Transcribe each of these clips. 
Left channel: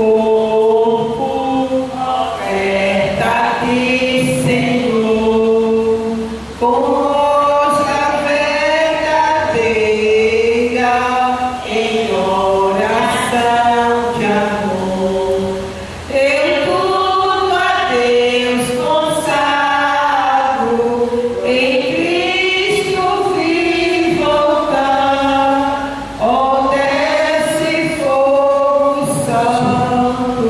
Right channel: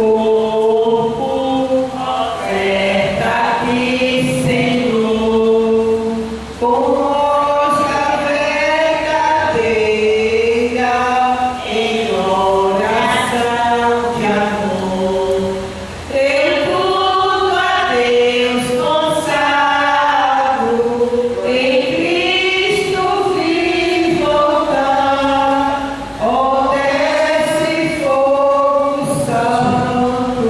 corpo, oferta-te, Senhor, conosca verdadeira, em oração de amor. Eu tudo a Deus consagro, em Cristo vim voltar. Ó, desce fogo santo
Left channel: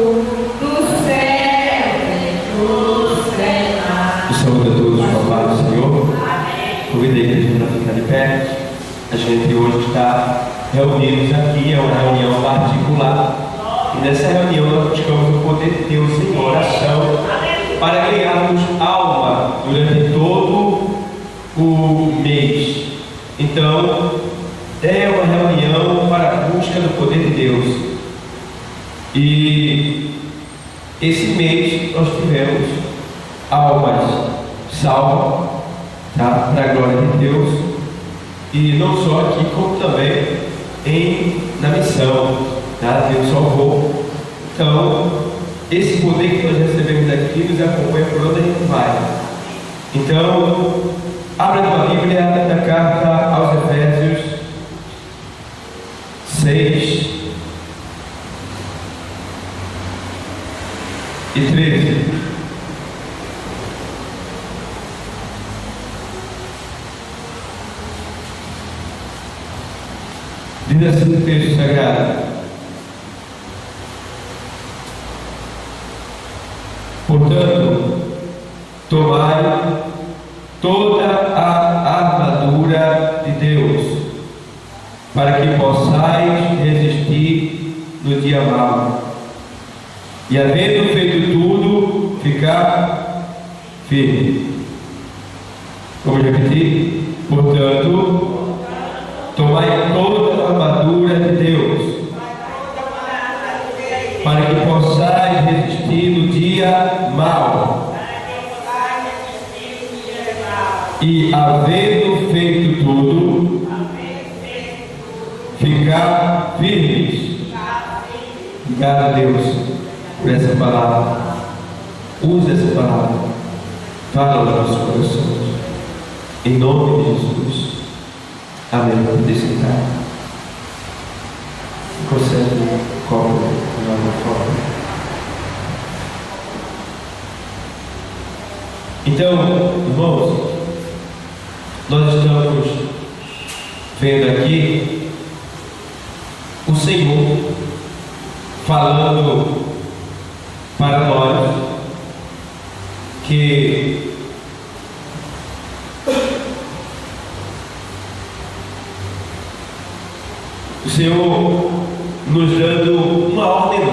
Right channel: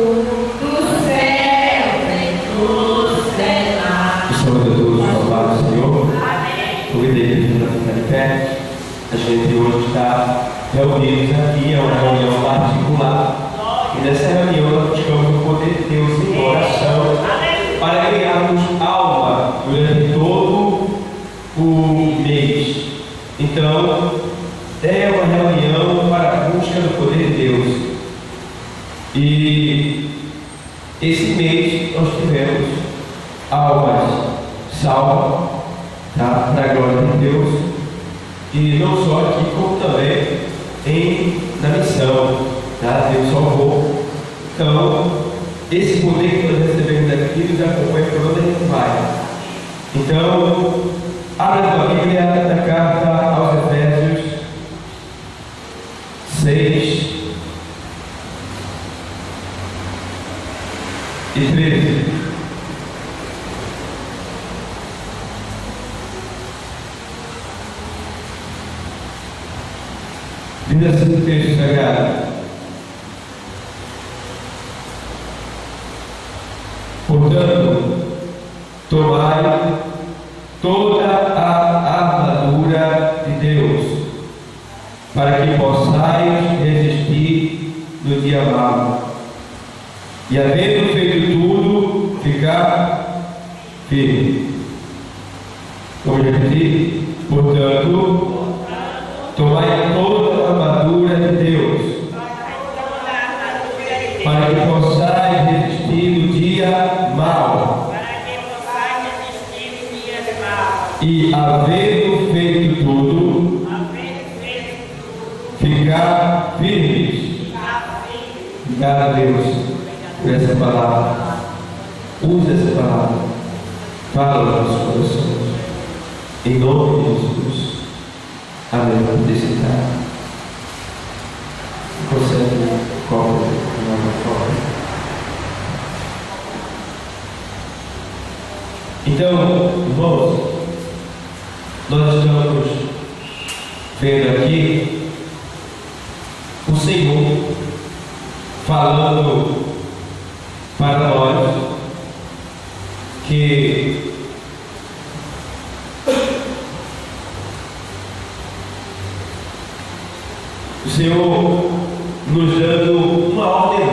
do céu, vem nos treinar. O Senhor de todos, louvado Senhor. Convido a igreja para ficar de pé. A gente hoje está reunidos aqui, é uma reunião particular. E nessa reunião nós buscamos o poder de Deus em oração para ganharmos alma durante todo o mês. Então, é uma reunião para a busca do poder de Deus. E esse mês nós tivemos almas salvas, tá? Para a glória de Deus. E não só aqui, como também na missão, tá? Deus salvou. Então, esse poder que nós recebemos aqui nos acompanha por onde a gente vai. Então, abra a tua Bíblia da carta aos Efésios 6 e 13. Diz assim o texto sagrado: portanto, tomai toda a armadura de Deus, para que possais resistir no dia mau, e havendo feito tudo, ficar firme. Vamos repetir? Portanto, tomai toda a armadura de Deus, para que possais resistir no dia mau, e havendo feito tudo, ficar firmes. Obrigado a Deus por essa palavra. Use essa palavra, fala nos nossos corações, em nome de Jesus. Amém. Vamos sentar. Consegue um copo de uma forma? Então, irmãos, nós estamos vendo aqui o Senhor falando para nós que o Senhor nos dando uma ordem,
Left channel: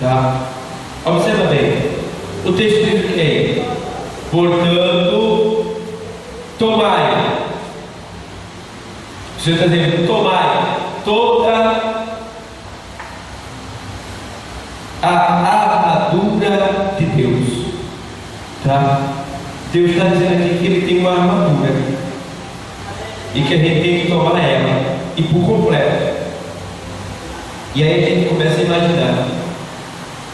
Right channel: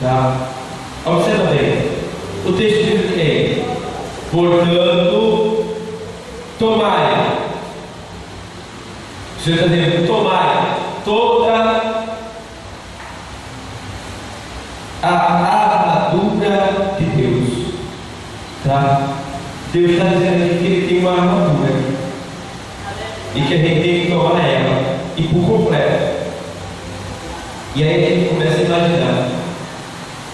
tá? Observa bem, o texto diz o que? Portanto, tomai. O Senhor está dizendo, tomai toda a armadura de Deus, tá? Deus está dizendo aqui que Ele tem uma armadura e que a gente tem que tomar ela e por completo. E aí a gente começa a imaginar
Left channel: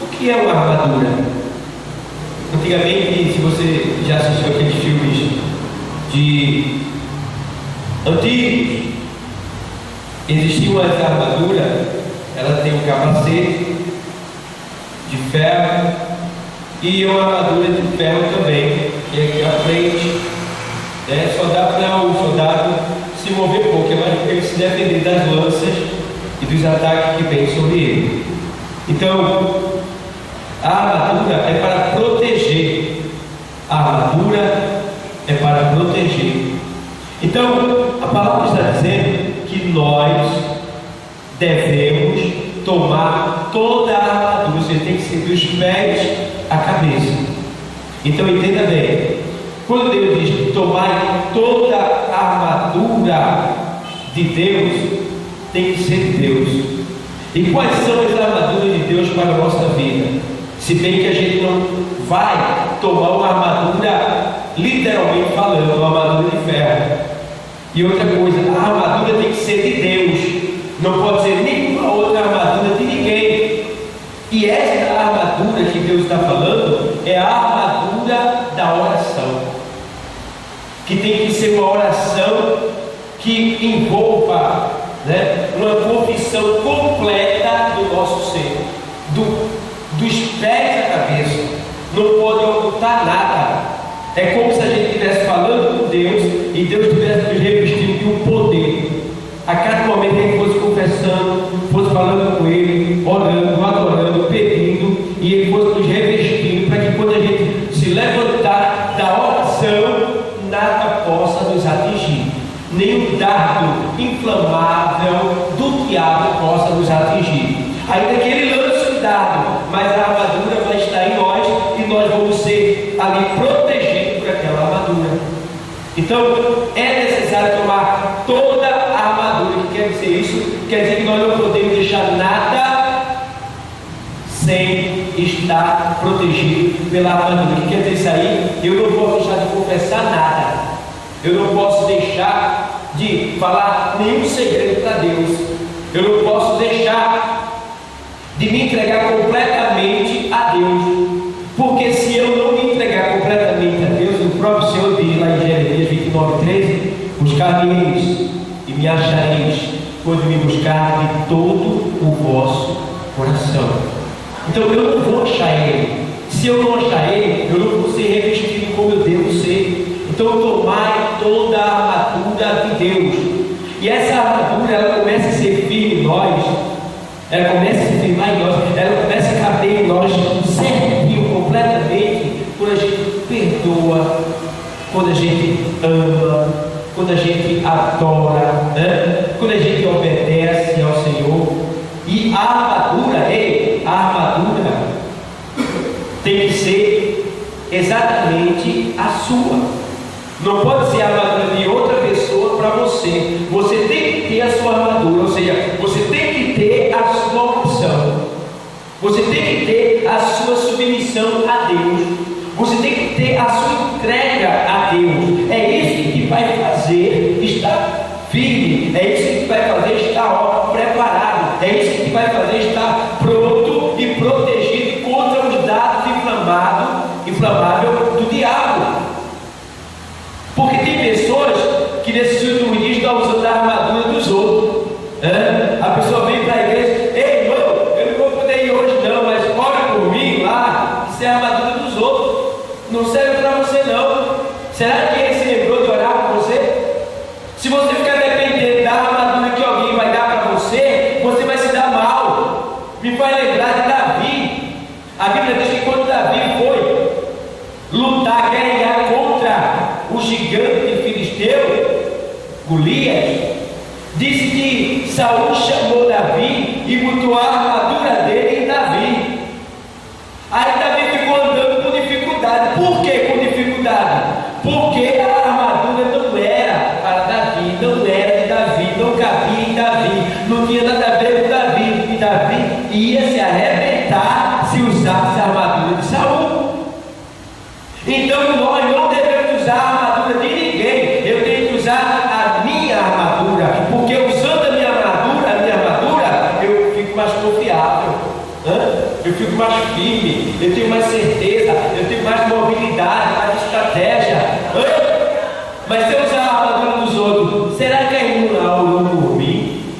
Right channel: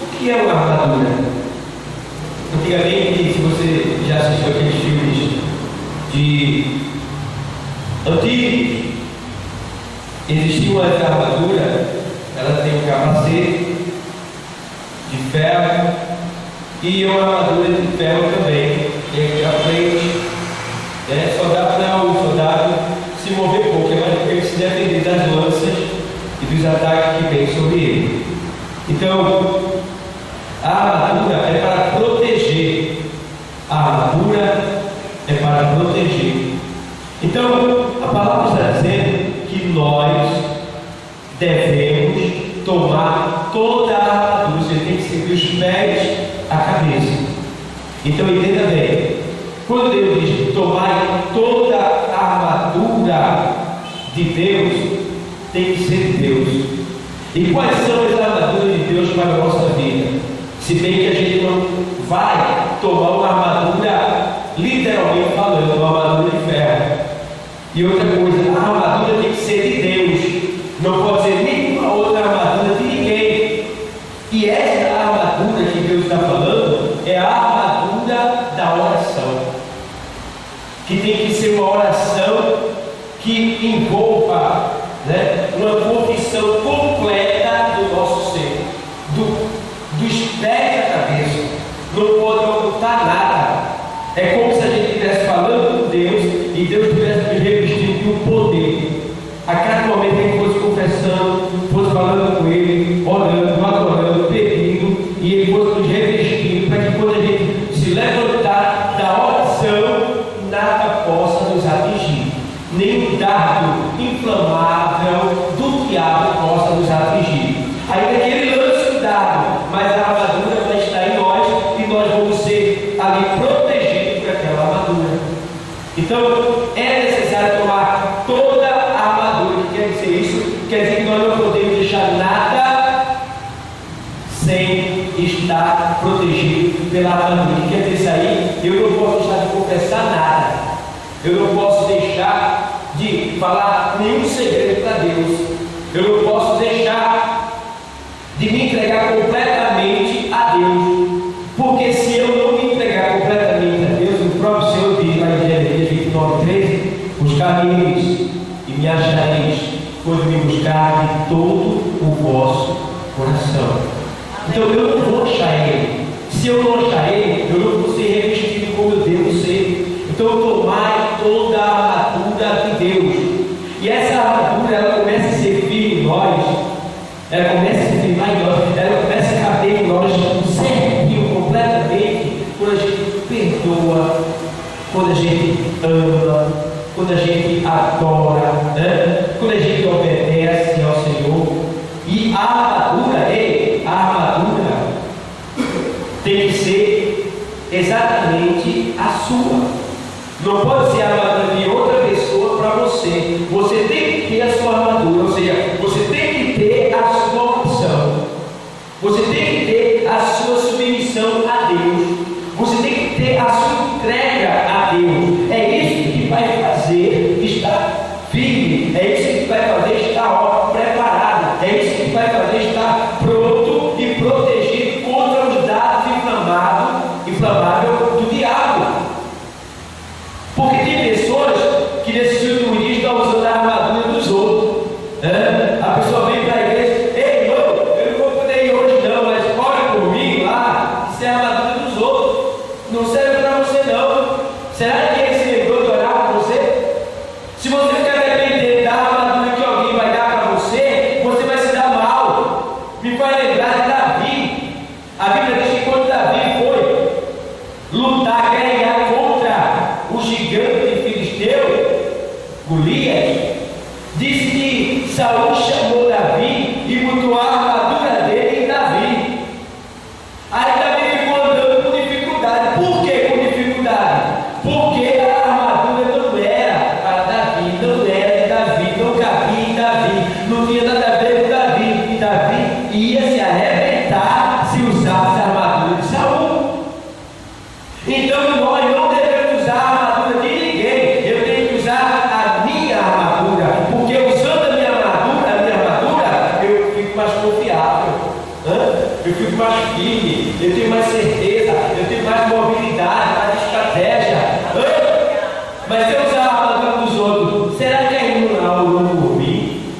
o que é uma armadura. Antigamente, se você já assistiu aqueles filmes de antigos, existia uma armadura, ela tem um capacete de ferro e uma armadura de ferro também, que é aqui à frente, né? Só dá para o soldado se mover pouco, é mais para ele se defender das lanças e dos ataques que vêm sobre ele. Então, a armadura é para proteger. A armadura é para proteger. Então, a palavra está dizendo que nós devemos tomar toda a armadura. Você tem que ser dos pés à cabeça. Então, entenda bem. Quando Deus diz tomar toda a armadura de Deus, tem que ser de Deus. E quais são as armaduras de Deus para a nossa vida? Se bem que a gente não vai tomar uma armadura, literalmente falando, uma armadura de ferro. E outra coisa, a armadura tem que ser de Deus. Não pode ser nenhuma outra armadura de ninguém. oração que envolva, né, uma confissão completa do nosso ser, dos pés à cabeça. Não pode ocultar nada. É como se a gente estivesse falando com Deus e Deus estivesse nos revestindo de um poder. A cada momento que a gente fosse confessando, fosse falando com Ele, orando, adorando, pedindo, e Ele fosse nos revestindo, para que quando a gente se levantar da oração, nada possa nos atingir. Nem o dardo inflamável do diabo possa nos atingir. Ainda que ele lance o dardo, mas a armadura vai estar em nós e nós vamos ser ali protegidos por aquela armadura. Então é necessário tomar toda a armadura. O que quer dizer isso? Quer dizer que nós não podemos deixar nada sem estar protegido pela armadura. O que quer dizer isso aí? Eu não posso deixar de confessar nada. Eu não posso deixar de falar nenhum segredo para Deus. Eu não posso deixar de me entregar completamente a Deus. Porque se eu não me entregar completamente a Deus, o próprio Senhor diz lá em Jeremias 29:13: buscar-me-eis e me achareis, quando me buscar de todo o vosso coração. Então eu não vou achar Ele. Se eu não achar Ele, eu não vou ser revestido como eu devo ser. Então tomai toda a armadura de Deus. E essa armadura, ela começa a ser firme em nós. Ela começa a se firmar em nós. Ela começa a caber em nós certinho, completamente, quando a gente perdoa, quando a gente ama, quando a gente adora, né? Quando a gente obedece ao Senhor. E a armadura tem que ser exatamente a sua. Não pode ser a armadura de outra pessoa para você. Você tem que ter a sua armadura, ou seja, você tem que ter a sua opção. Você tem que ter a sua submissão a Deus. Você tem que ter a sua entrega a Deus. É isso que vai fazer estar firme. É isso que vai fazer estar preparado. É isso que vai fazer estar pronto e protegido contra os dardos inflamáveis do diabo. Porque tem pessoas que nesses últimos dias estão usando a armadura dos outros. A pessoa vem para a igreja: ei, irmão, eu não vou poder ir hoje não, mas ora por mim lá. Isso é a armadura dos outros. Não serve para você não. Será que ele se lembrou de orar por você? Se você ficar dependendo da armadura que alguém vai dar para você, você vai se dar mal. Me faz lembrar de Davi. A Bíblia diz que quando Davi foi lutar, guerrear contra o gigante filisteu, Golias, disse que Saul chamou Davi e botou a armadura dele em Davi. Aí Davi ficou andando com dificuldade. Por que com dificuldade? Porque a armadura não era para Davi, não era de Davi, não cabia em Davi, não tinha nada a ver com Davi, e Davi ia se arrebentar se usasse a armadura de Saul. Então nós não devemos usar a armadura de ninguém. Eu tenho que usar a minha armadura, porque usando a minha armadura, eu fico mais confiável, eu fico mais firme, eu tenho mais certeza, eu tenho mais mobilidade, mais estratégia. Mas se eu usar a armadura dos outros, será que a irmã A orou por mim?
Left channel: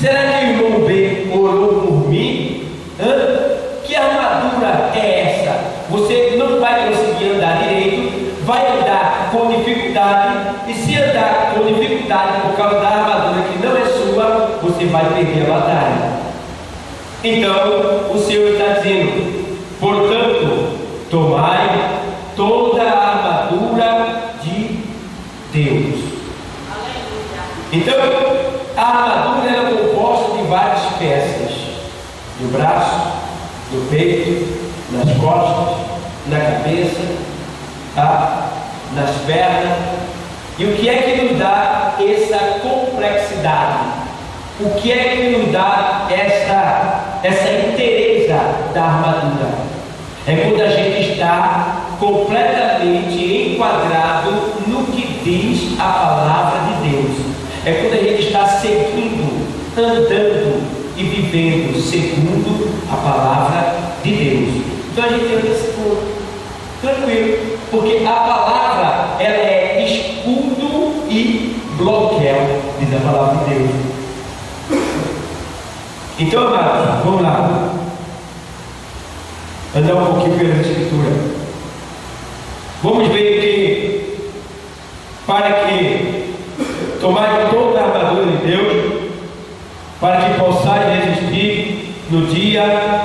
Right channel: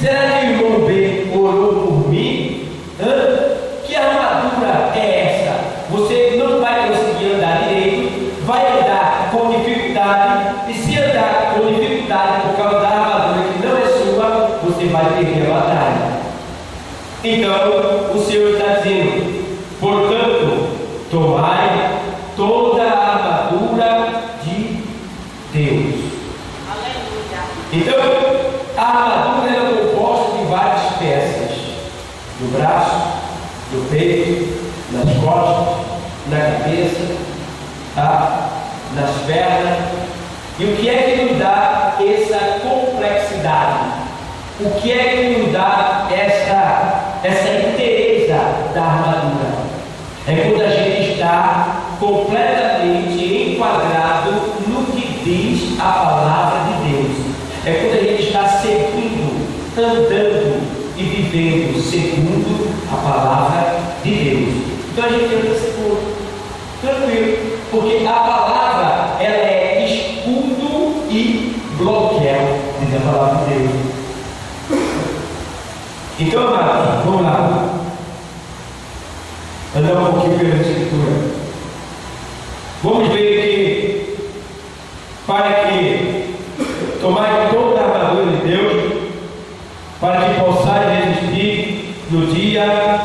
Será que o irmão B orou por mim? Que armadura é essa? Você não vai conseguir andar direito, vai andar com dificuldade, e se andar com dificuldade por causa da armadura que não é sua, você vai perder a batalha. Então o Senhor está dizendo: portanto, tomai toda a armadura de Deus. Então a armadura é composta de várias peças: do braço, do peito, nas costas, na cabeça, nas pernas. E o que é que nos dá essa complexidade? O que é que nos dá essa inteireza da armadura? É quando a gente está completamente enquadrado no que diz a palavra de Deus. É quando a gente está seguindo, andando e vivendo segundo a palavra de Deus. Então a gente anda seguro, tranquilo, porque a palavra ela é escudo e Então, amados, vamos lá. Andar um pouquinho pela Escritura. Vamos ver que, para que tomai toda a armadura de Deus, para que possais resistir no dia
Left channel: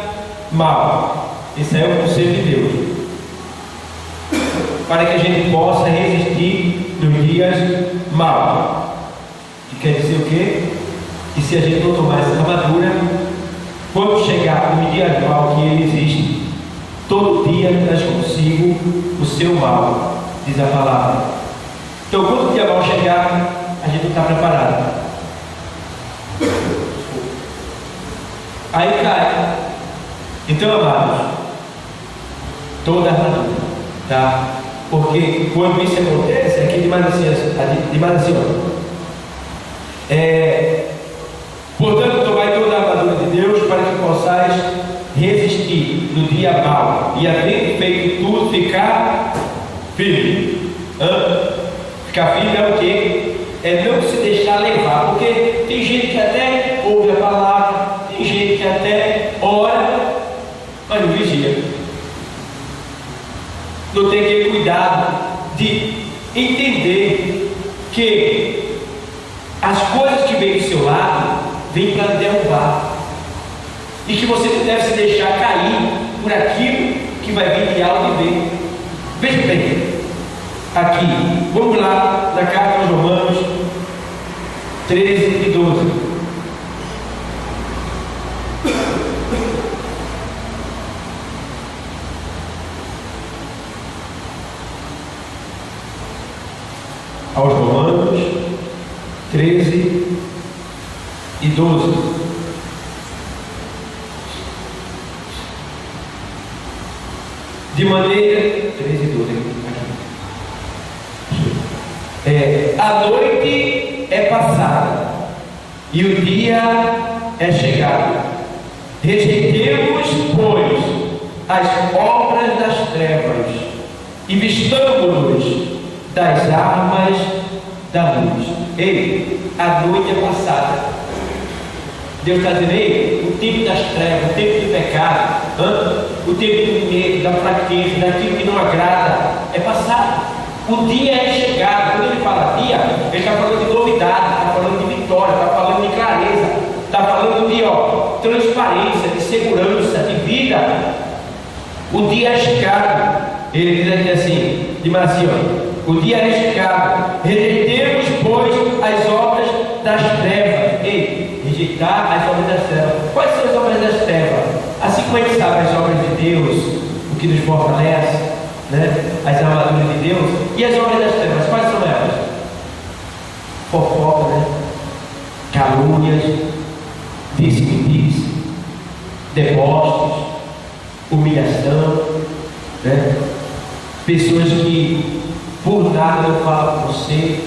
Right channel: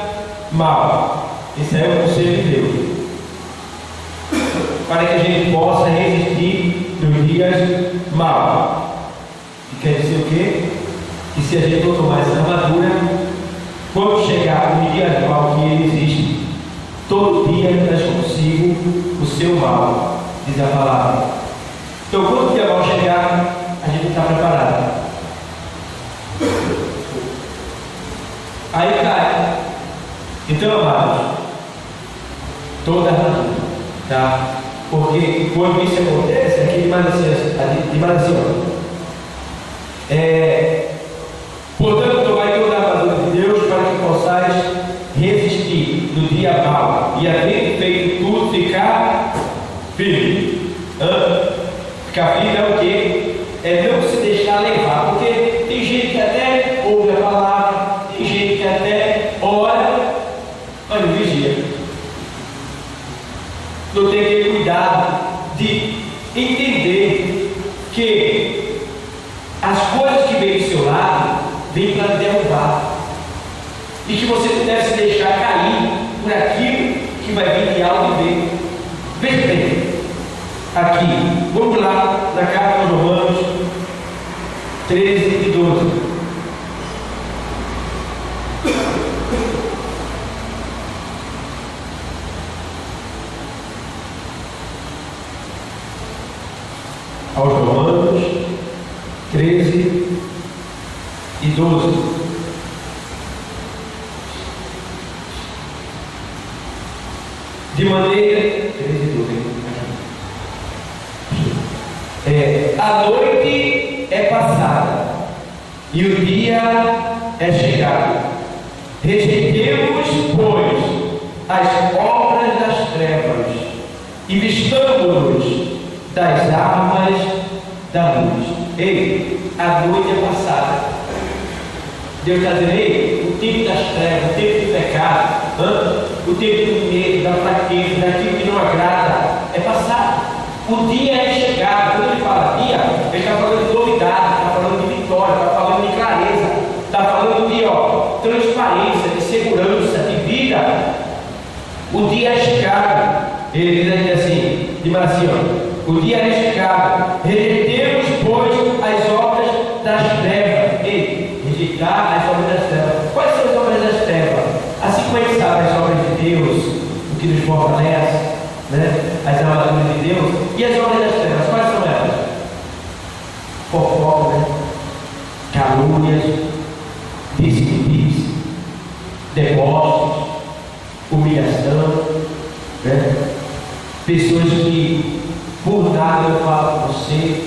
mau. Esse é o conselho de Deus. Para que a gente possa resistir nos dias maus. E quer dizer o quê? Que se a gente não tomar essa armadura, quando chegar no dia mau que ele existe, todo dia traz consigo o seu mal, diz a palavra. Então, quando o dia mau chegar, a gente não está preparado. Aí cai. Então, amados, toda a armadura, tá? Porque quando isso acontece, aqui demais assim, portanto, tomai toda a armadura de Deus para que possais resistir no dia mau e, havendo feito tudo, ficar firme. Ficar firme é o quê? É não se deixar levar, porque tem gente que até ouve a palavra, tem gente que até ora, mas não vigia. Não tem aquele cuidado de entender que as coisas que vêm do seu lado vêm para derrubar, e que você não deve se deixar cair por aquilo que vai vir de alto e bem. Veja bem, aqui, vamos lá na carta aos Romanos 13 e 12. Aos Romanos 13 e 12. De maneira 13 e 12 aqui. A noite é passada e o dia é chegado. Rejeitemos, pois, as obras das trevas e vistamo-nos das armas da luz. Ei, a noite é passada. Deus está dizendo, ei, o tempo das trevas, o tempo do pecado, o tempo do medo, da fraqueza, daquilo que não agrada, é passado. O dia é chegado. Quando ele fala dia, ele está falando de novidade, está falando de vitória, está falando de clareza, está falando de transparência, de segurança, de vida. O dia é chegado. Ele diz aqui assim, de Marcinho, o dia é chegado. Rejeitemos, pois, as obras das trevas. Ei, rejeitar as obras das trevas. Quais são as obras das trevas? Assim como a gente sabe as obras de Deus, o que nos fortalece, né? As armaduras de Deus. E as obras das trevas, quais são elas? Fofoca, né? Calúnias, disse-me-disse, deboches, humilhação, né? Pessoas que por nada não falam com você,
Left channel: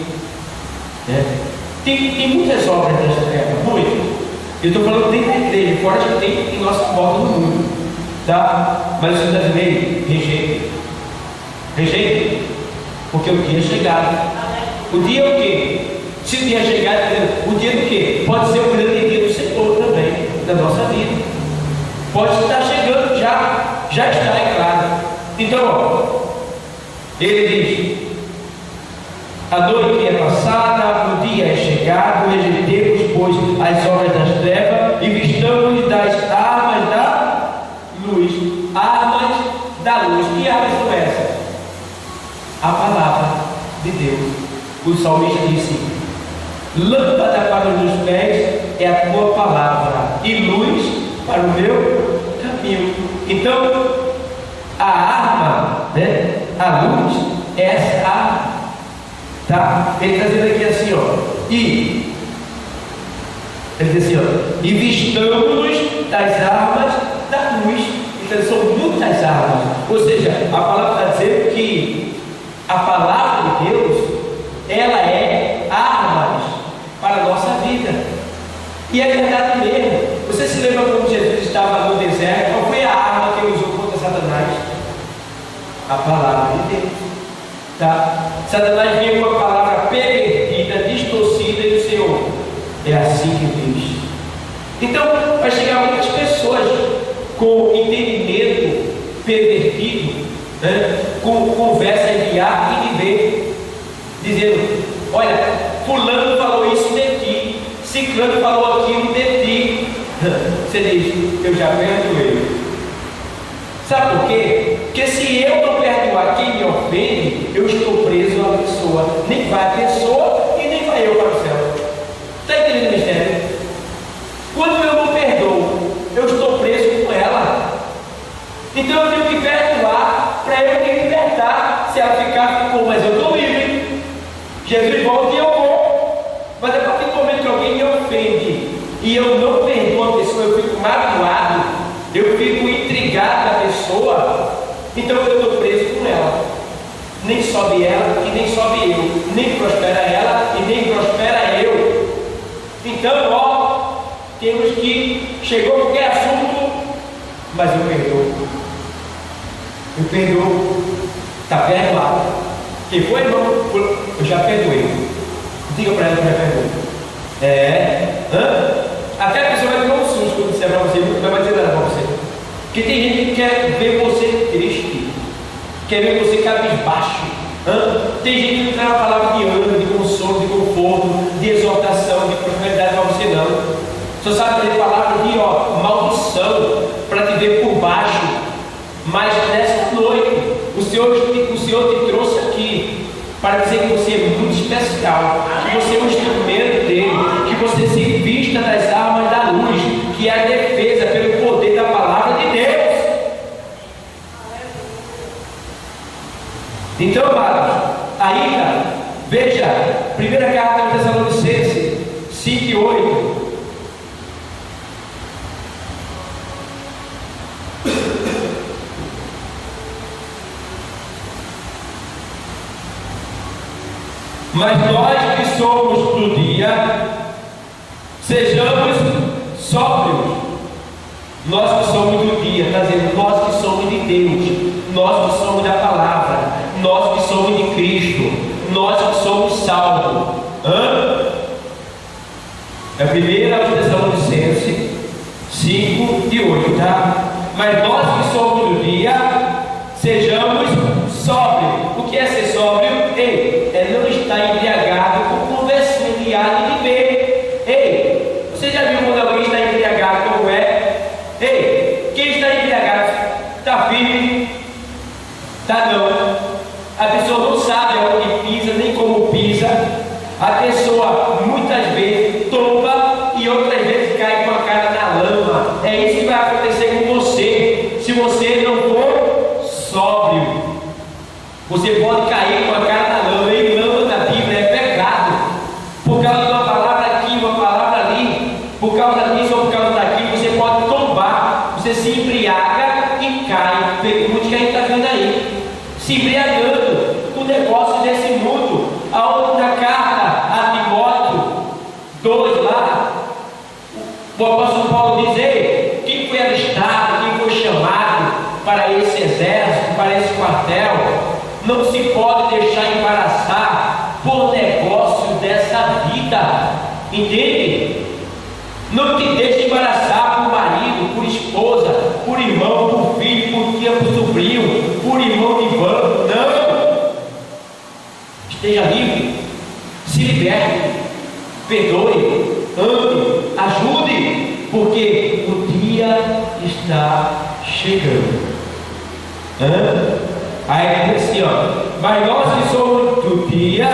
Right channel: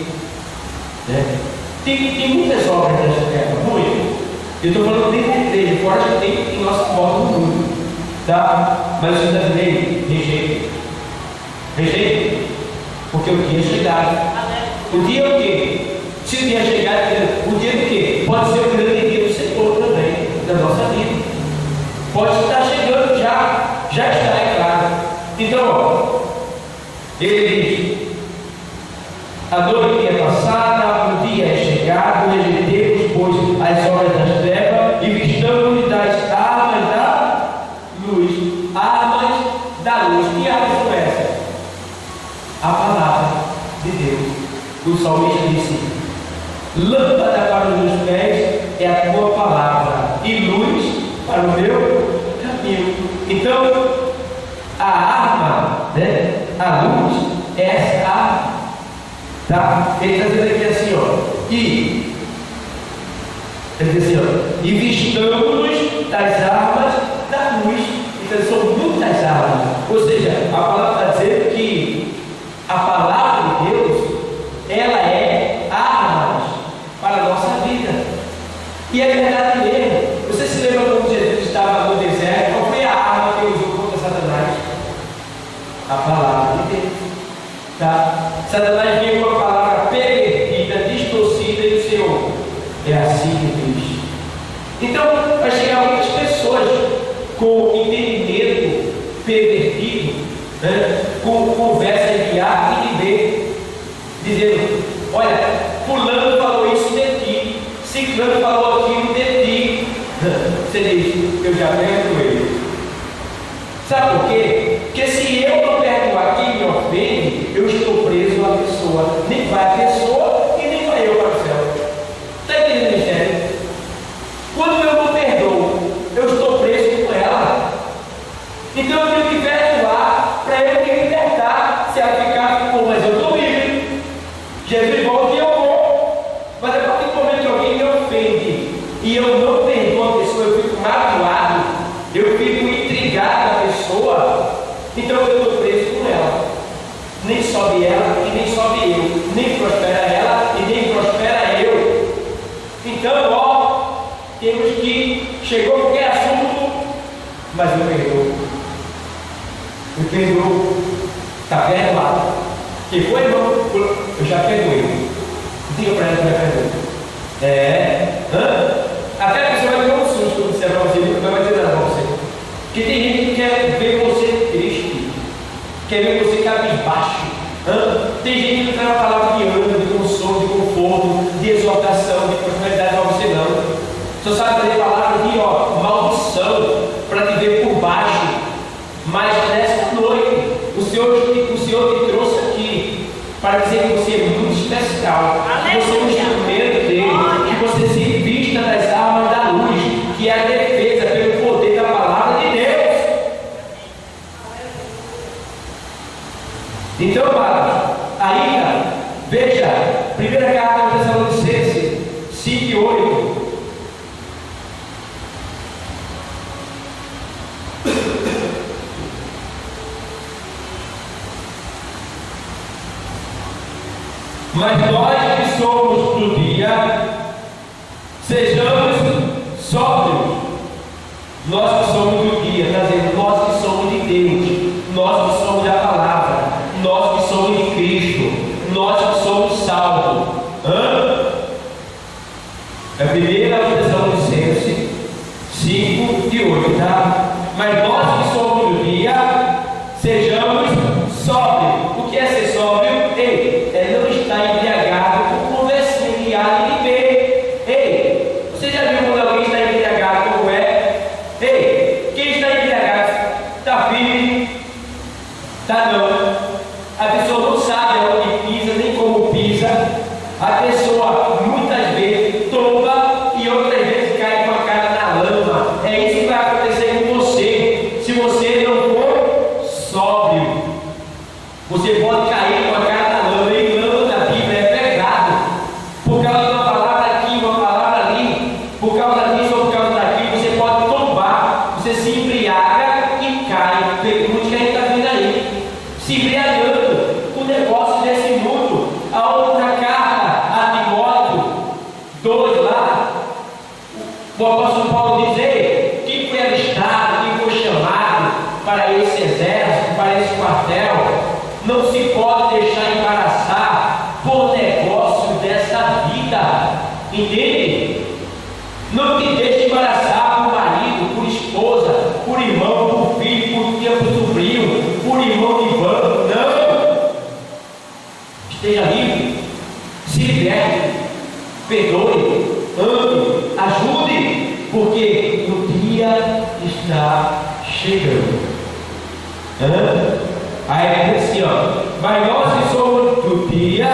né? Tem muitas obras das trevas, muito. Eu estou falando dentro da igreja, fora que tem em nossa volta no mundo, tá? Mas os brasileiros rejeitam. Rejeitam, porque o dia é chegado. O dia é o quê? Se o dia é chegado, o dia do quê? Pode ser o grande dia do Senhor também, da nossa vida. Pode estar chegando já está, é claro. Então, ele diz, a noite é passada, o dia é chegado, rejeitemos, pois, as obras das trevas e vistamos das armas da luz. Armas da luz. Que armas são essas? A palavra de Deus. O salmista disse, lâmpada para os meus pés é a tua palavra e luz para o meu caminho. Então, a arma, né? A luz é essa arma, tá? Ele está dizendo aqui assim, ele diz assim, e vistamos das armas da luz. Então são muitas armas. Ou seja, a palavra está dizendo que a palavra de Deus, ela é armas para a nossa vida. E é verdade mesmo. Você se lembra quando Jesus estava no deserto? Qual foi a arma que ele usou contra Satanás? A palavra de Deus, tá? Satanás vinha com a palavra pervertida, distorcida, e o Senhor, é assim que diz. Então, vai chegar com entendimento pervertido, né? Com conversa de A e de B, dizendo: olha, fulano falou isso de ti, ciclano falou aquilo de ti. Você diz: eu já perdoei. Sabe por quê? Porque se eu não perdoar quem me ofende, eu estou preso à pessoa. Nem vai a pessoa e nem vai eu para o céu. Está entendendo o mistério? Quando eu não perdoo, eu estou preso com ela. Então eu tenho que perdoar para eu me libertar. Se ela ficar, ficou, mas eu estou livre. Jesus volta e eu vou. Mas a partir do momento que alguém me ofende e eu não perdoo a pessoa, eu fico magoado, eu fico intrigado com a pessoa, então eu estou preso com ela. Nem sobe ela e nem sobe eu, nem prospera ela e nem prospera eu. Então, ó, temos que, chegou qualquer assunto, mas eu perdoo. Eu perdoo. Está perdoado. Quem foi, irmão? Eu já perdoei. Diga para ela que eu já perdoei. Até a pessoa vai ter um susto quando disser para você, não vai dizer nada para você. Porque tem gente que quer ver você triste, quer ver você cabisbaixo. Tem gente que traz uma palavra de ânimo, de consolo, de conforto, de exortação, de prosperidade para você não. Só sabe trazer palavras de maldição para te ver por baixo. Mas nessa noite, o Senhor te trouxe aqui para dizer que você é muito especial, que você é um instrumento dele, que você se vista das armas da luz, que é a defesa pelo poder da palavra de Deus. Então, amados, ainda, veja, primeira carta aos Tessalonicenses 5 e 8. Mas nós que somos do dia, sejamos sóbrios. Nós que somos do dia, está dizendo, nós que somos de Deus, nós que somos da palavra, nós que somos de Cristo, nós que somos salvos. É 1 Tessalonicenses 5 e 8, tá? Mas nós que somos do dia, sejamos sóbrios. O que é ser sóbrio? É não estar embriagado com conversinha de A e de B. Você já viu quando alguém está embriagado como é? Quem está embriagado está firme? Está não. A pessoa não sabe aonde pisa, nem como pisa. A pessoa muitas vezes tomba e outras vezes cai com a cara na lama. É isso que vai acontecer com você, se você não for sóbrio. Você pode cair com a cara na lama, e lama na Bíblia é pecado. Por causa de uma palavra aqui, uma palavra ali, por causa disso ou por causa daquilo, você pode tombar, você se embriaga e cai. Pergunte que a gente está vendo aí, se embriagando com o negócio desse mundo. Aonde na carta a Timóteo 2 lá, o apóstolo Paulo diz: quem foi alistado, quem foi chamado para esse exército, para esse quartel, não se pode deixar embaraçar por negócio dessa vida. Entende? Não te deixe embaraçar por marido, por esposa, por irmão, por filho, por tia, por sobrinho, por irmão de banco. Não! Esteja livre, se liberte, perdoe, ame, ajude, porque o dia está chegando. Aí diz assim, mas nós que somos do dia,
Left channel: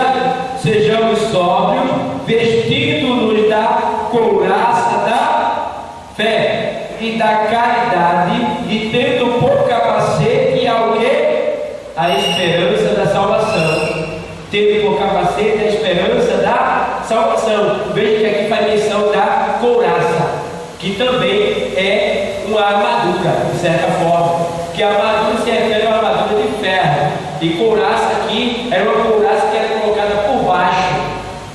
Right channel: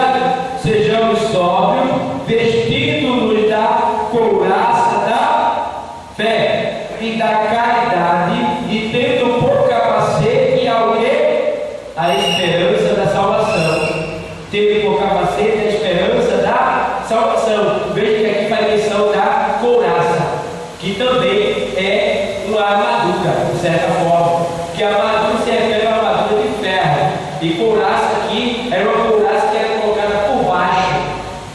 sejamos sóbrios, vestindo-nos da couraça da fé e da caridade, e tendo por capacete ao quê? A esperança da salvação. Tendo por capacete a esperança da salvação. Veja que aqui faz menção da couraça, que também é uma armadura, de certa forma, que a armadura se refere a uma armadura de ferro, e couraça aqui era uma couraça que era colocada por baixo,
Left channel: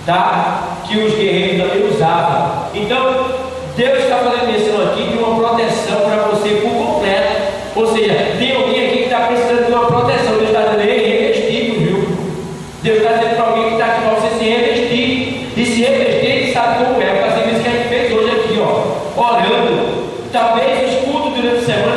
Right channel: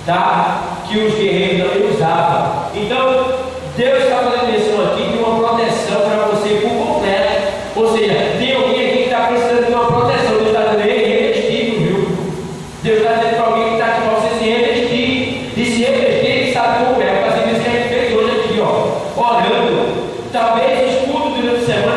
tá? Que os guerreiros também usavam. Então Deus está fazendo menção aqui de uma proteção para você por completo. Ou seja, tem alguém aqui que está precisando de uma proteção. Deus está dizendo: revestido, viu? Deus está dizendo para alguém que está aqui para você se revestir. E se revestir, ele sabe como é. Fazer isso que a gente fez hoje aqui, orando. Talvez o escudo durante a semana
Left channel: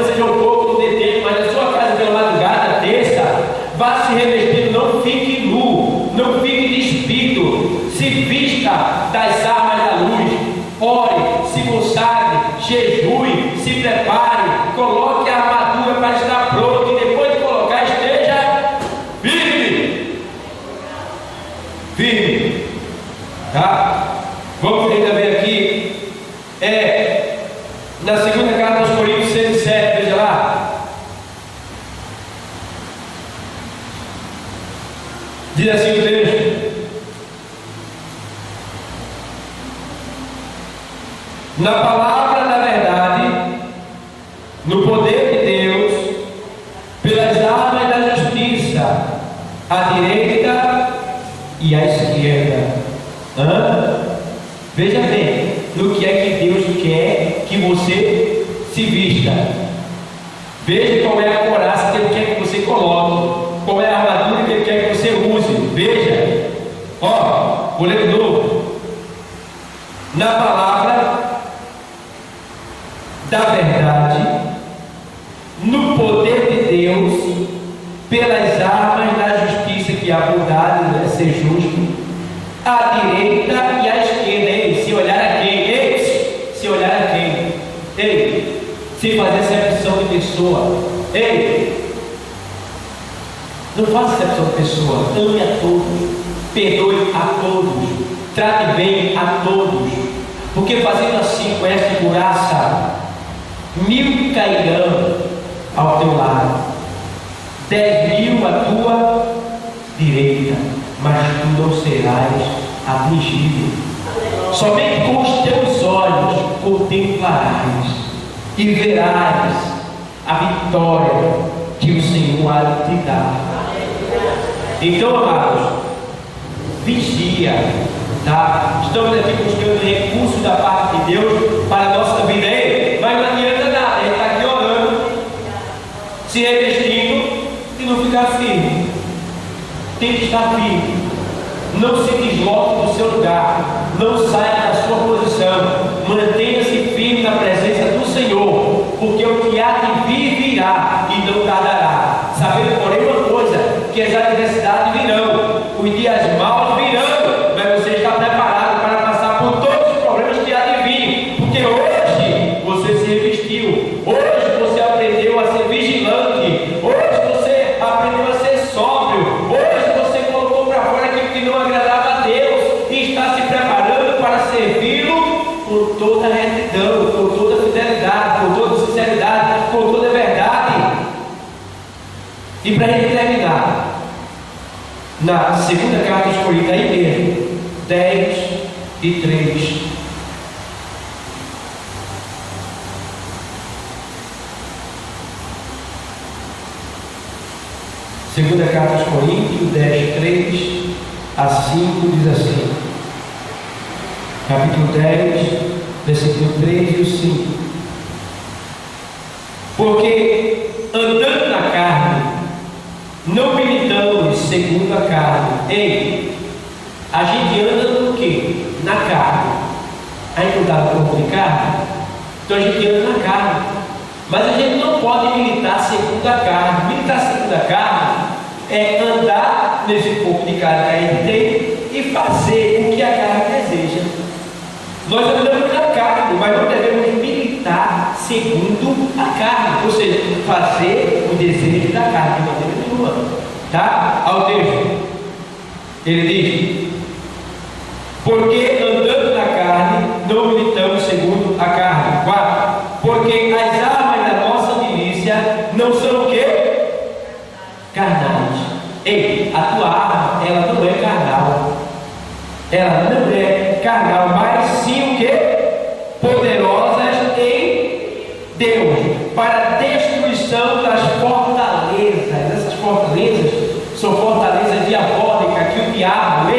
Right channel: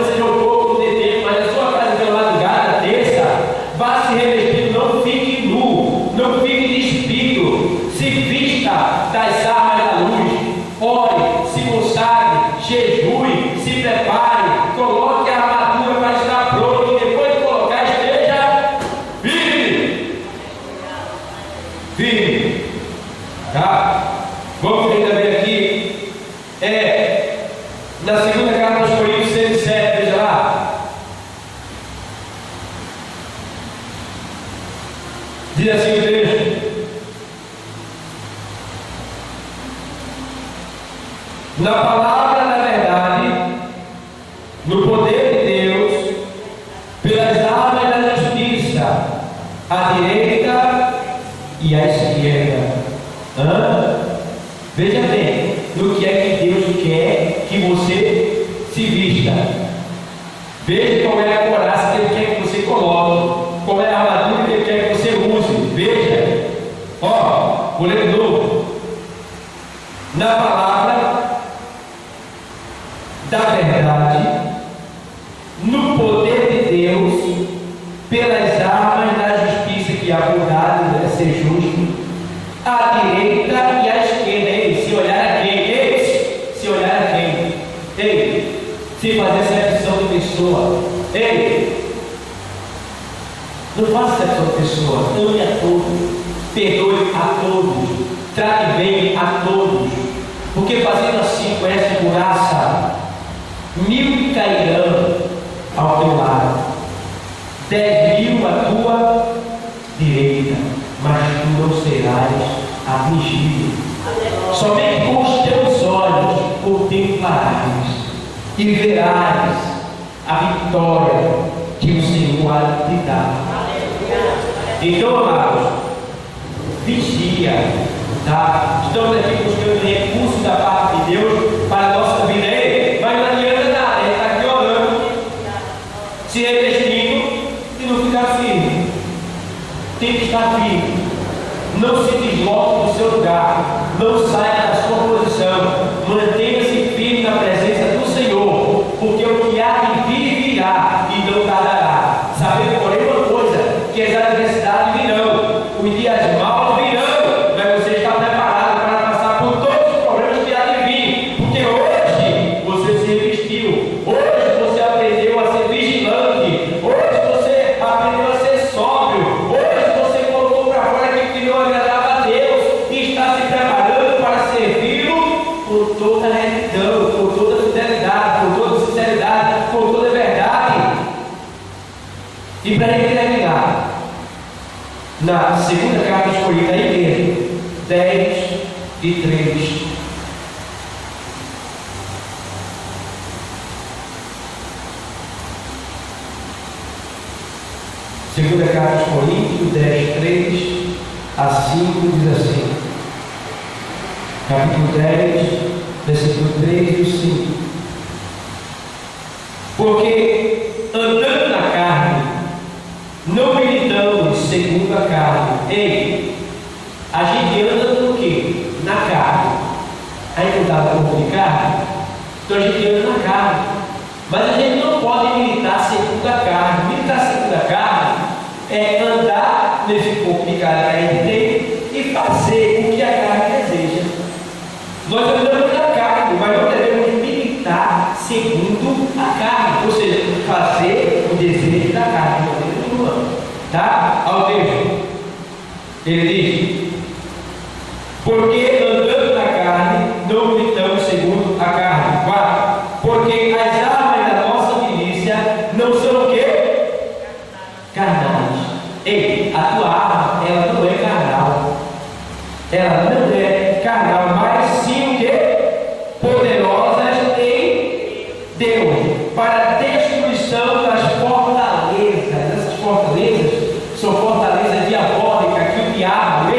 Diz assim o texto: na palavra da verdade, no poder de Deus, pelas armas da justiça, à direita e à esquerda. Veja bem, no que é que Deus quer que você se vista. Veja qual é a couraça que Ele quer que você coloque, qual é a armadura que Ele quer que você use. Veja, vou ler de novo. Na palavra da verdade, no poder de Deus, pelas armas da justiça, que é a bondade, é ser justo, à direita e à esquerda. Se olhar a quem? Se olhar a quem? Se fazer acepção de pessoa. Não faça acepção de pessoa. Ame a todos, perdoe a todos, trate bem a todos, porque fazendo assim, com esta couraça, 1000 cairão ao teu lado, 10.000 à tua direita, mas tu não serás afligido. Somente com os teus olhos contemplarás e verás a vitória que o Senhor há de te dar. Então, amados, vigia, tá? Estamos aqui buscando recursos da parte de Deus para a nossa vida, mas não adianta nada, a gente está aqui orando, se revestindo e não ficar firme. Tem que estar firme. Não se desloque do seu lugar, não saia da sua posição, mantenha-se firme na presença do Senhor, porque o que há de vir virá e não tardará. Sabendo, porém, uma coisa, que as adversidades virão, os dias maus virão, mas você está preparado para passar por todos os problemas que há de vir, porque hoje você se revestiu, hoje você aprendeu a ser vigilante, hoje você aprendeu a ser sóbrio, hoje você colocou para fora aquilo que não agradava a Deus e está se preparando para servi-lo com toda retidão, com toda fidelidade, com toda sinceridade, com toda verdade. E para ele terminar, na segunda carta aos Coríntios, aí mesmo, 10:3. Segunda carta aos Coríntios, 10:3 a 5, diz assim, capítulo 10, versículo 3 e o 5. Porque andando na carne, não militamos segundo a carne. A gente anda no quê? Na carne. A gente não está no corpo de carne, então a gente anda na carne. Mas a gente não pode militar segundo a carne. Militar segundo a carne é andar nesse corpo de carne que a gente tem e fazer o que a carne deseja. Nós andamos na carne, mas não devemos militar segundo a carne, ou seja, fazer o desejo da carne de maneira nenhuma. Tá? Ao texto, ele diz: porque andando na carne, não militamos segundo a carne. 4. Porque as armas da nossa milícia não são o quê? Carnais. A tua arma, ela não é carnal. Ela não é carnal, mas sim o quê? Poderosas em Deus, para a destruição das fortalezas. Essas fortalezas são fortalezas diabólicas que o diabo,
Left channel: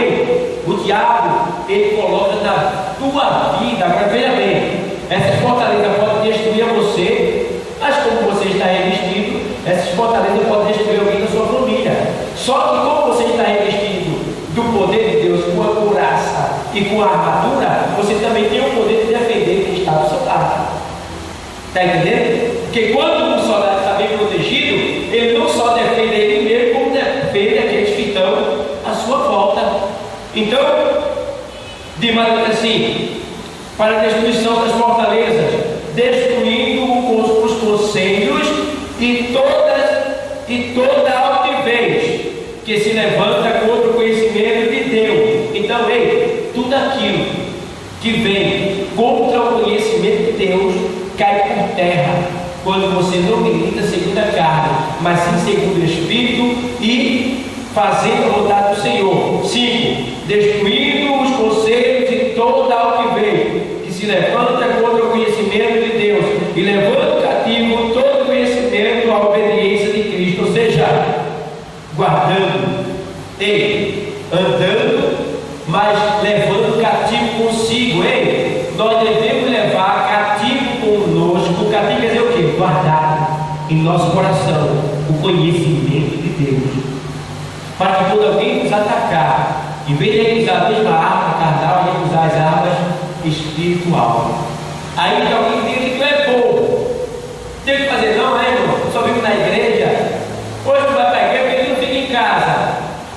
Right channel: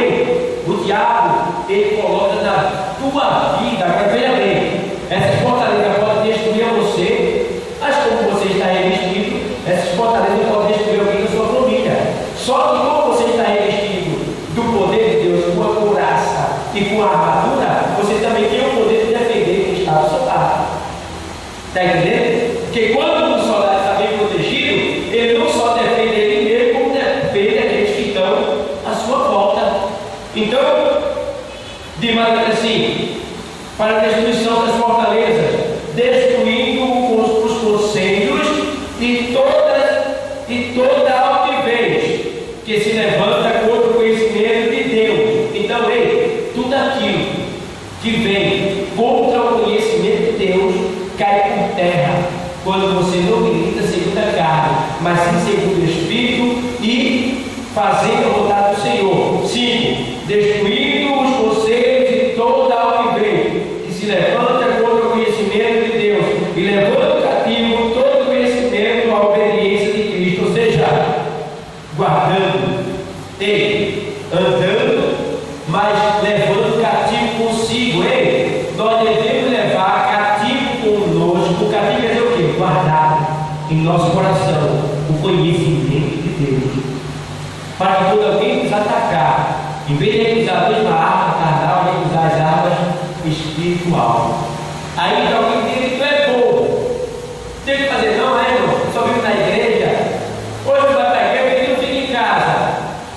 ele coloca na tua vida. Agora veja bem, essas fortalezas podem destruir você, mas como você está revestido, essas fortalezas podem destruir alguém da sua família. Só que como você está revestido do poder de Deus, com a couraça e com a armadura, você também tem o poder de defender quem está do seu lado. Está entendendo? Porque quando o soldado está bem protegido, ele não só defende ele mesmo, como defende aqueles que estão à sua volta. Então, de maneira assim, para a destruição das fortalezas, destruindo os conselhos e toda altivez que se levanta contra o conhecimento de Deus. Então, tudo aquilo que vem contra o conhecimento de Deus cai por terra quando você não milita segundo a carne, mas sim segundo o Espírito, e fazendo a vontade do Senhor. 5. Destruindo os conselhos e toda altivez que se levanta contra o conhecimento de Deus e levando cativo todo o conhecimento à obediência de Cristo, ou seja, guardando, andando, mas levando cativo consigo. Nós devemos levar cativo conosco. O cativo quer dizer o quê? Guardar em nosso coração o conhecimento de Deus, para que quando alguém nos atacar, em vez de usar a mesma arma carnal, a gente usar as armas espiritual. Aí que alguém diz que tu é bobo, tem que fazer não, irmão? Eu só vivo na igreja. Hoje tu vai para a igreja, porque tu não fica em casa.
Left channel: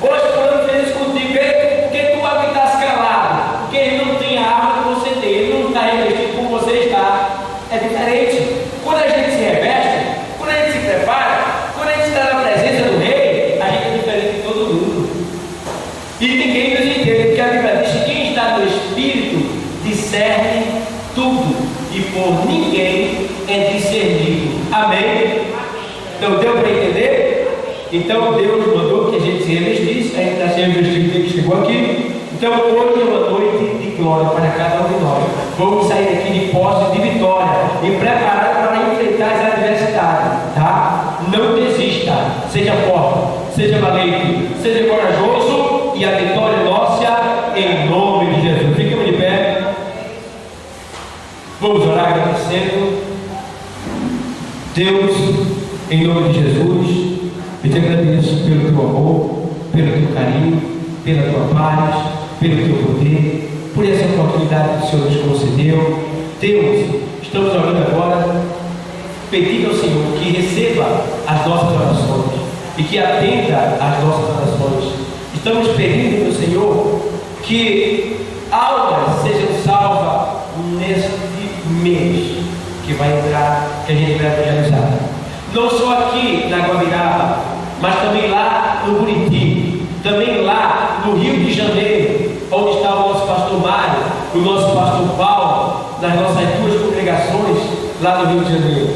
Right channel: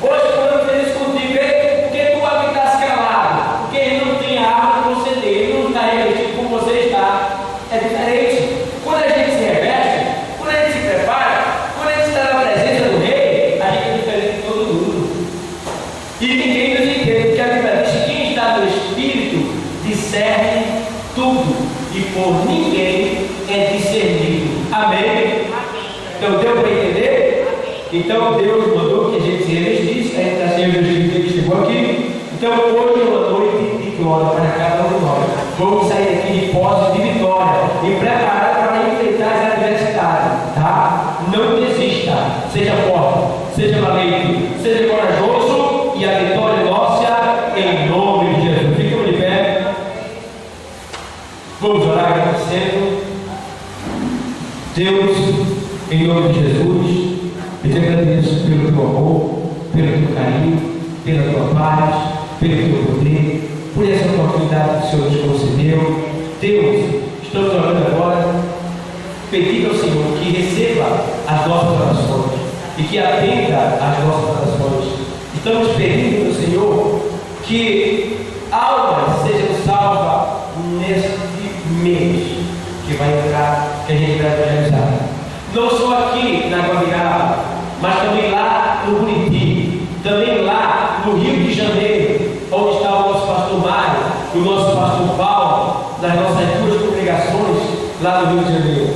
Hoje quando fez isso contigo, porque tu habitas calado, porque ele não tem a arma que você tem, ele não está revestido como você está. É diferente. Quando a gente se reveste, quando a gente se prepara, quando a gente está na presença do Rei, a gente é diferente de todo mundo. E ninguém nos entende, porque a Bíblia diz que quem está no Espírito discerne tudo, e por ninguém é discernido. Amém? Então deu para entender? Então Deus mandou que a gente se revestisse, a gente está se revestindo desde que chegou aqui. Então hoje é uma noite de glória para cada um de nós. Vamos sair daqui de posse de vitória e preparar para enfrentar as adversidades, tá? Não desista, seja forte, seja valente, seja corajoso, e a vitória é nossa em nome de Jesus. Ficamos de pé. Vamos orar agradecendo. Deus, em nome de Jesus, eu te agradeço pelo teu amor, pelo teu carinho, pela tua paz, pelo teu poder, por essa oportunidade que o Senhor nos concedeu. Deus, estamos orando agora, pedindo ao Senhor que receba as nossas orações e que atenda às nossas orações. Estamos pedindo ao Senhor que almas sejam salvas neste mês que vai entrar, que a gente vai evangelizar. Não só aqui na Guabiraba, mas também lá no Buriti, também lá no Rio de Janeiro, onde está o nosso pastor Mário, o nosso pastor Paulo, nas nossas duas congregações lá no Rio de Janeiro.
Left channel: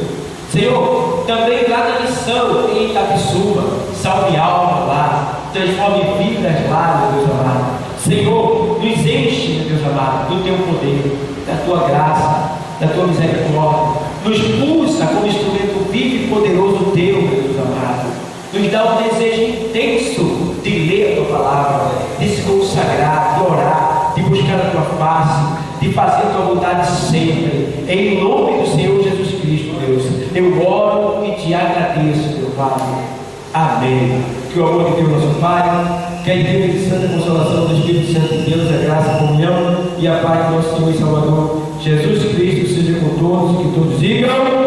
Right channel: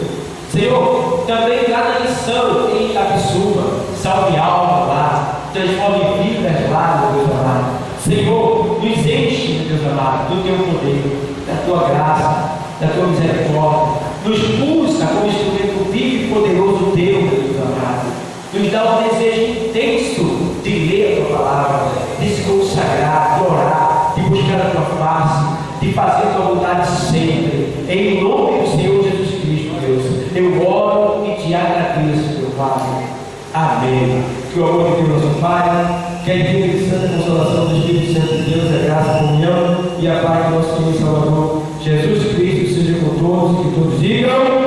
Senhor, também lá na missão em Itapissuma, salve alma lá, transforme vidas lá, meu Deus amado. Senhor, nos enche, meu Deus amado, do teu poder, da tua graça, da tua misericórdia. Nos pulsa como instrumento vivo e poderoso teu, meu Deus amado. Nos dá um desejo intenso de ler a tua palavra, de se consagrar, de orar, de buscar a tua face, de fazer a tua vontade sempre. Em nome do Senhor Jesus Cristo, Deus, eu oro e te agradeço, meu Pai. Amém. Que o amor de Deus, nosso Pai, que a divina e santa consolação do Espírito Santo de Deus, a graça, a comunhão e a paz do nosso Senhor e Salvador Jesus Cristo seja com todos, que todos digam.